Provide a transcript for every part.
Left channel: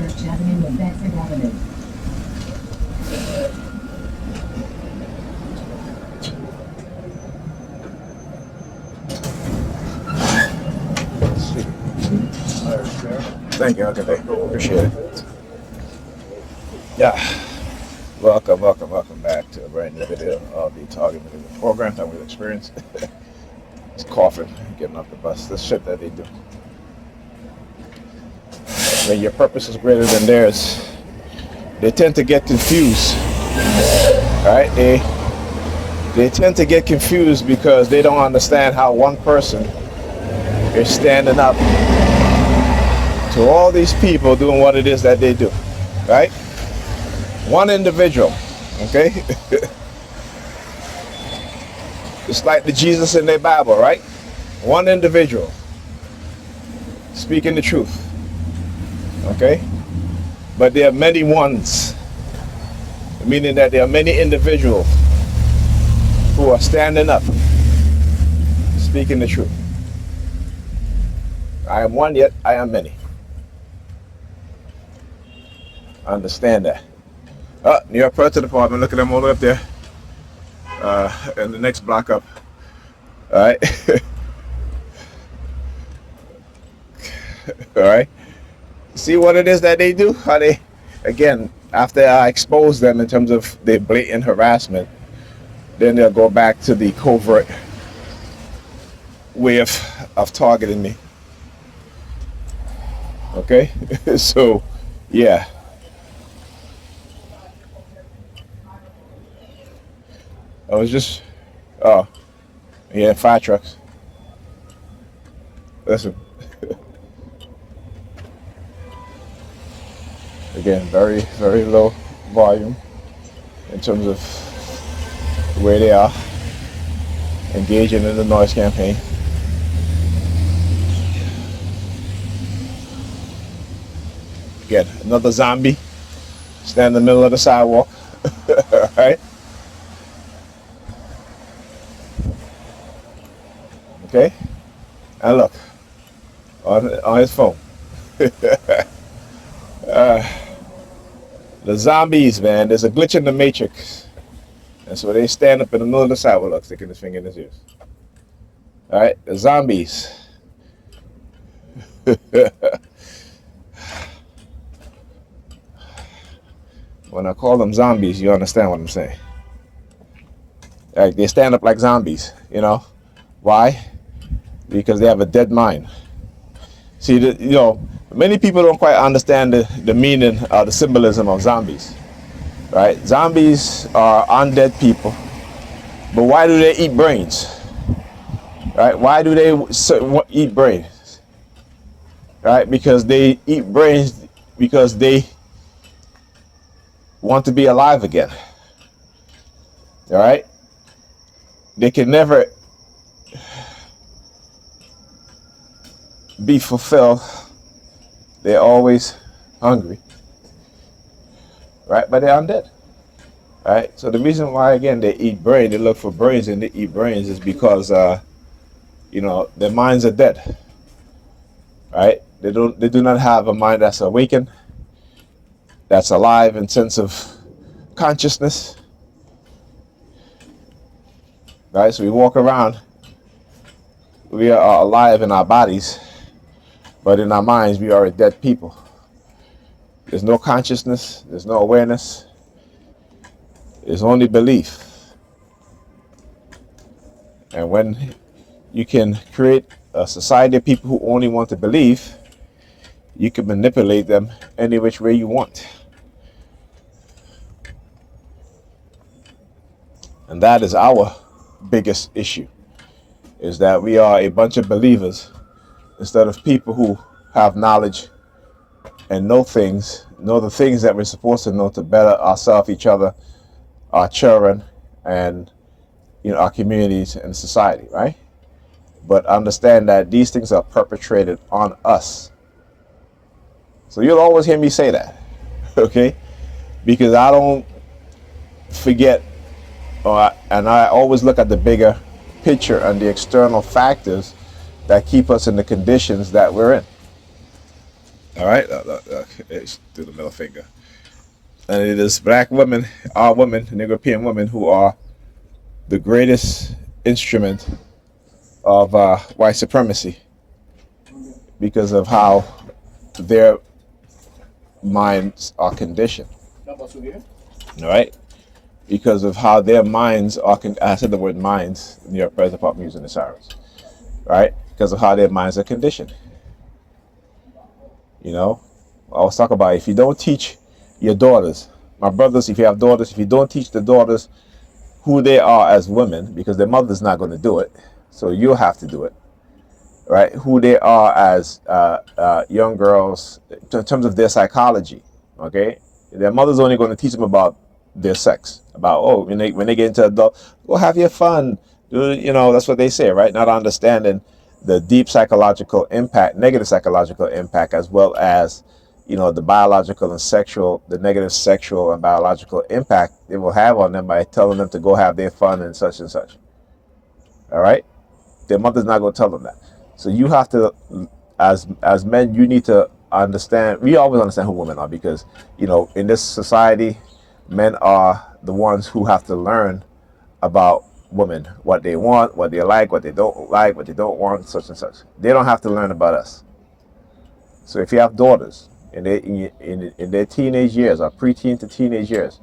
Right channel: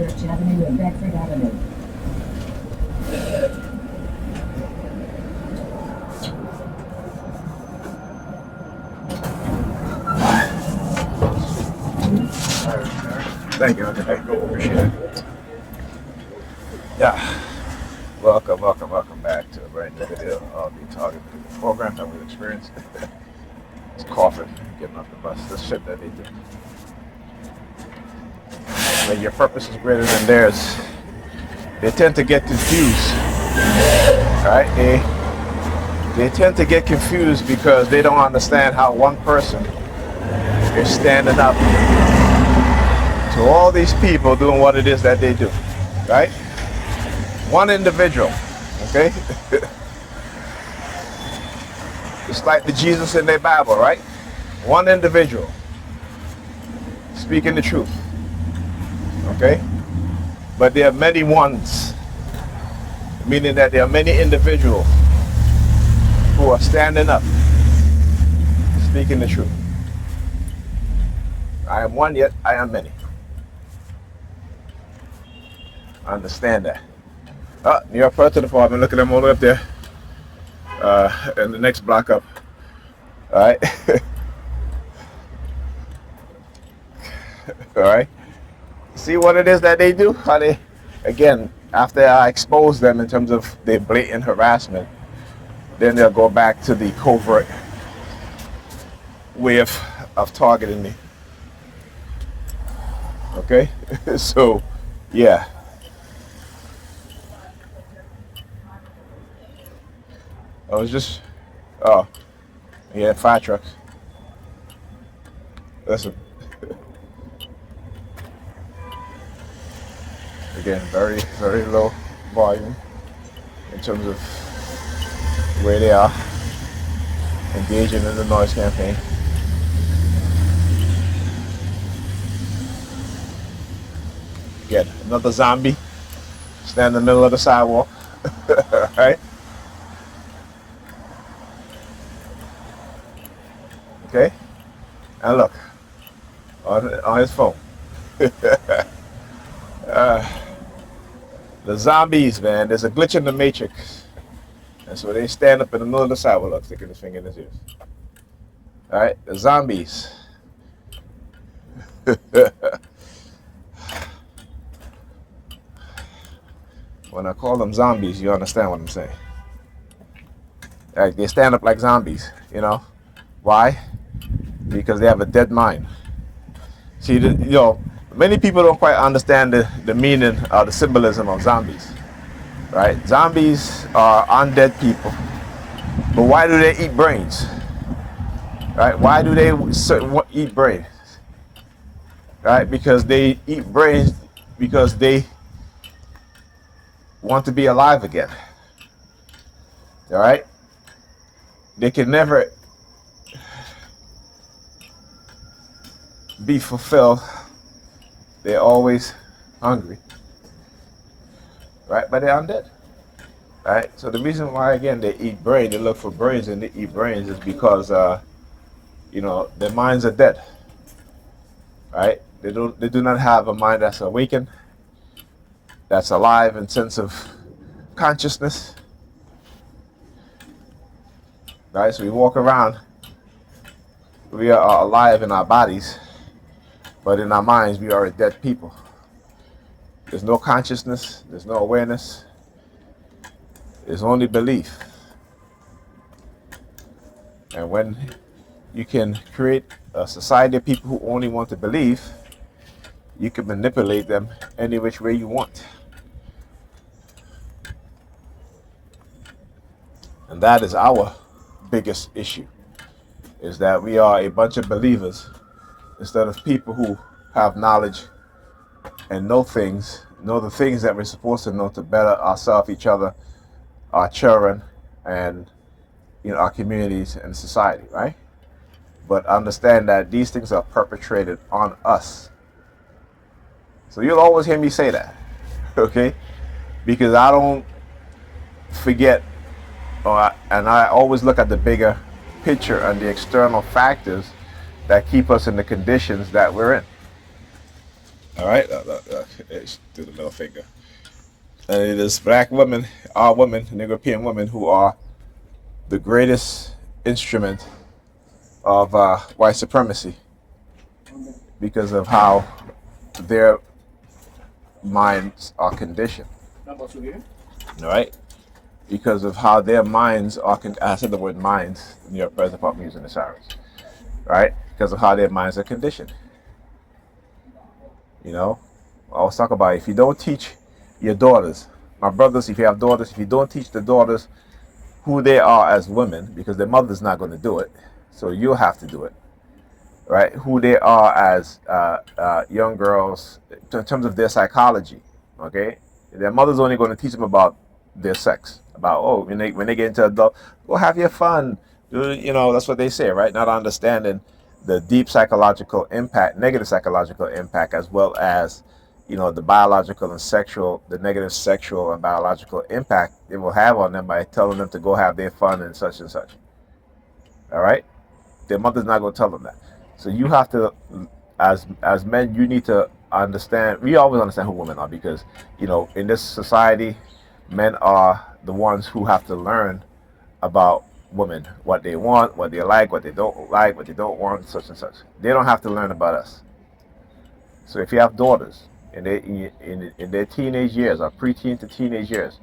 Church Avenue and Bedford Avenue. Thank you. Okay, appreciate it. Yeah. Welcome back to a brand new video of the Target Video program that we experience. It's coughing, getting off the bus. This shit that they do. When your purpose is greater than theirs, they tend to get confused. Right? They tend to get confused because they don't understand how one person is standing up to all these people doing what it is that they do. Right? One individual. Okay? Just like the Jesus in their Bible, right? One individual speaking the truth. Okay? But there are many ones, meaning that there are many individuals who are standing up, speaking the truth. I am one, yet I am many. Understand that. New York Police Department, look at them all up there. And the next block up. All right. All right. See what it is that they do? How they, again, after I expose them in terms of their blatant harassment, then they'll go back to the covert way of targeting me. Okay. So, yeah. I was just, yeah, fire trucks. Listen. Again, very, very low volume in terms of where they are engaging in the noise campaign. Again, another zombie stand in the middle of the sidewalk. Right? Okay, and look on his phone. The zombies, man. There's a glitch in the matrix, and so they stand up in the middle of the sidewalk, sticking his finger in his ears. All right, the zombies. When I call them zombies, you understand what I'm saying. Like, they stand up like zombies, you know. Why? Because they have a dead mind. See, many people don't quite understand the meaning or the symbolism of zombies. Right? Zombies are undead people. But why do they eat brains? Right? Why do they eat brains? Right? Because they eat brains because they want to be alive again. All right? They can never be fulfilled. They're always hungry, right? But they're undead, right? So the reason why, again, they eat brain, they look for brains and they eat brains, is because their minds are dead, right? They do not have a mind that's awakened, that's alive in sense of consciousness, right? So we walk around, we are alive in our bodies, but in our minds, we are a dead people. There's no consciousness. There's no awareness. There's only belief. And when you can create a society of people who only want to believe, you can manipulate them any which way you want. And that is our biggest issue, is that we are a bunch of believers instead of people who have knowledge and know the things that we're supposed to know to better ourselves, each other, our children, and our communities and society, right? But understand that these things are perpetrated on us. So you'll always hear me say that, okay? Because I don't forget, and I always look at the bigger picture and the external factors that keep us in the conditions that we're in. All right, it's through the middle finger. And it is black women, our women, and European women who are the greatest instrument of white supremacy because of how their minds are conditioned. All right, because of how their minds are. I said the word minds in your present part, I'm using the sirens. Right, because of how their minds are conditioned. You know, I always talk about if you don't teach your daughters, my brothers, if you have daughters, if you don't teach the daughters who they are as women, because their mother's not going to do it, so you'll have to do it, right? Who they are as young girls in terms of their psychology, okay? Their mother's only going to teach them about their sex, about when they get into adult, go have your fun, that's what they say, right? Not understanding the deep psychological impact, negative psychological impact, as well as the biological and sexual, the negative sexual and biological impact it will have on them by telling them to go have their fun and such and such. All right, their mother's not going to tell them that. So you have to, as men, you need to understand. We always understand who women are because in this society, men are the ones who have to learn about women, what they want, what they like, what they don't like, what they don't want, such and such. They don't have to learn about us. So if you have daughters in their teenage years or preteen to teenage years,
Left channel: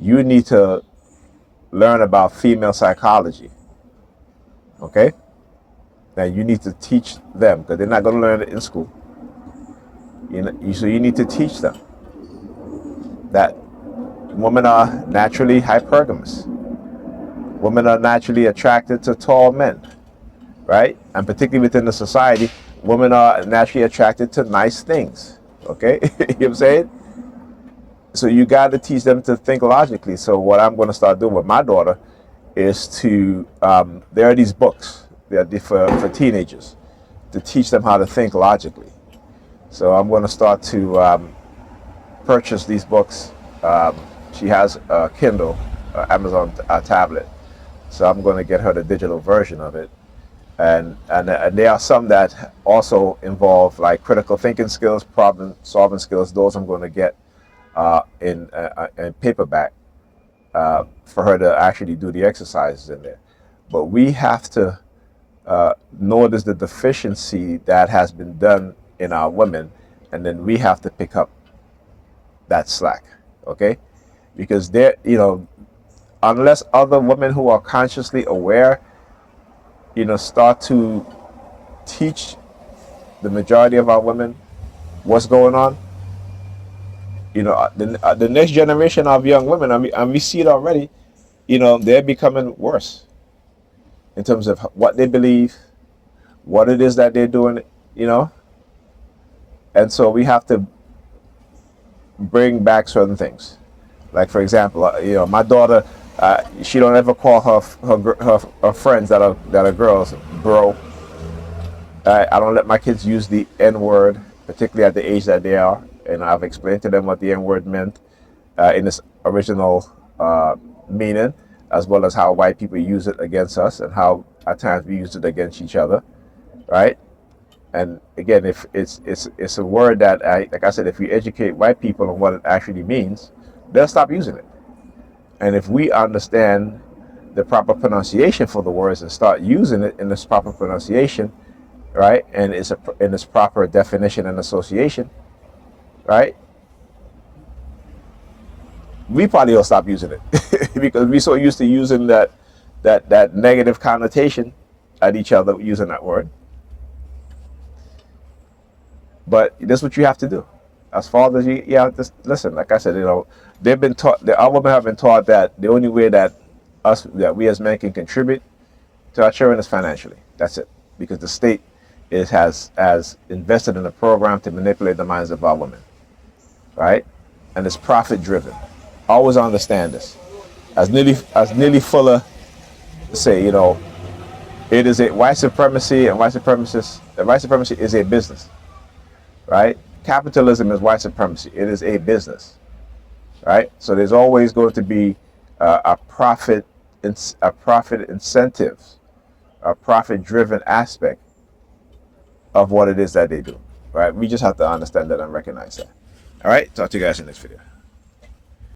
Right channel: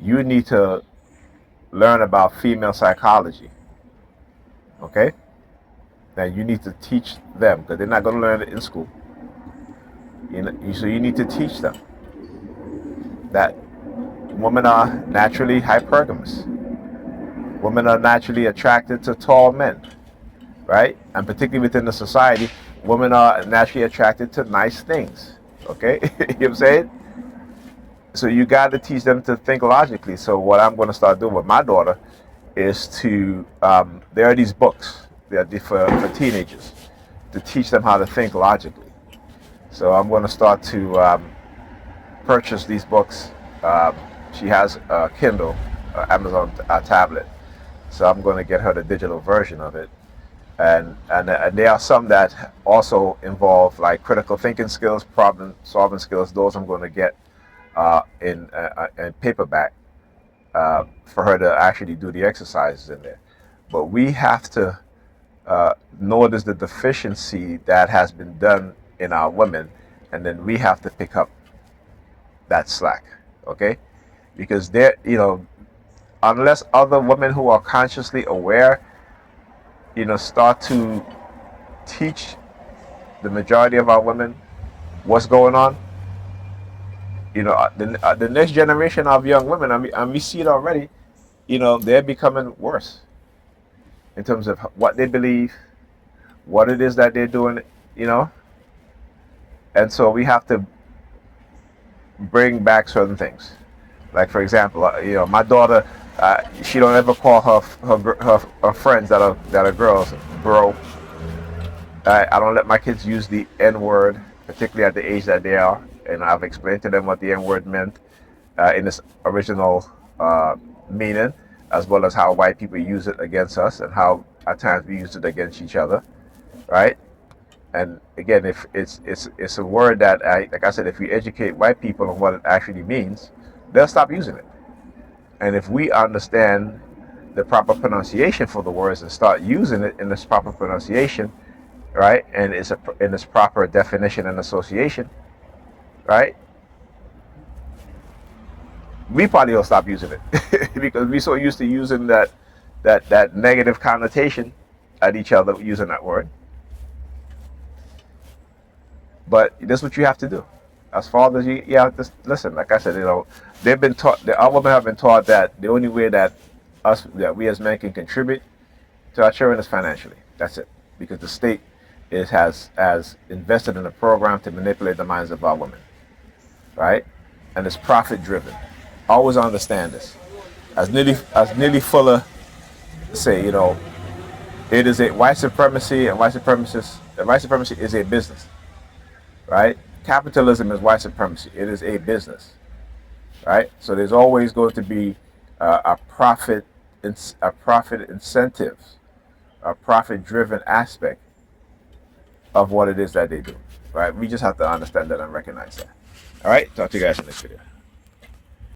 you need to learn about female psychology. Okay? Now you need to teach them because they're not going to learn it in school. So you need to teach them that women are naturally hypergamous. Women are naturally attracted to tall men, right? And particularly within the society, women are naturally attracted to nice things. Okay? You know what I'm saying? So you got to teach them to think logically. So what I'm going to start doing with my daughter is to, there are these books that are for teenagers to teach them how to think logically. So I'm going to start to purchase these books. She has a Kindle, Amazon tablet. So I'm going to get her the digital version of it. And there are some that also involve like critical thinking skills, problem solving skills. Those I'm going to get in paperback for her to actually do the exercises in there. But we have to notice the deficiency that has been done in our women, and then we have to pick up that slack, okay? Because unless other women who are consciously aware, start to teach the majority of our women what's going on, the next generation of young women, and we see it already, they're becoming worse in terms of what they believe, what it is that they're doing, you know, and so we have to bring back certain things. Like for example, my daughter, she don't ever call her friends that are girls bro. I don't let my kids use the N word, particularly at the age that they are, and I've explained to them what the N word meant in its original meaning, as well as how white people use it against us and how at times we use it against each other, right? And again, if it's a word that, like I said, if you educate white people on what it actually means, they'll stop using it. And if we understand the proper pronunciation for the words and start using it in this proper pronunciation, right, and in its proper definition and association, right, we probably will stop using it because we're so used to using that negative connotation at each other using that word. But that's what you have to do. As fathers, you have to listen. Like I said, they've been taught. Our women have been taught that the only way that we as men can contribute to our children is financially. That's it, because the state has invested in a program to manipulate the minds of our women, right? And it's profit driven. Always understand this. As Neely Fuller say, it is a white supremacy and white supremacy is a business, right? Capitalism is white supremacy. It is a business, right? So there's always going to be a profit incentive, a profit driven aspect of what it is that they do. right? We just have to understand that and recognize that. All right, talk to you guys in the next video.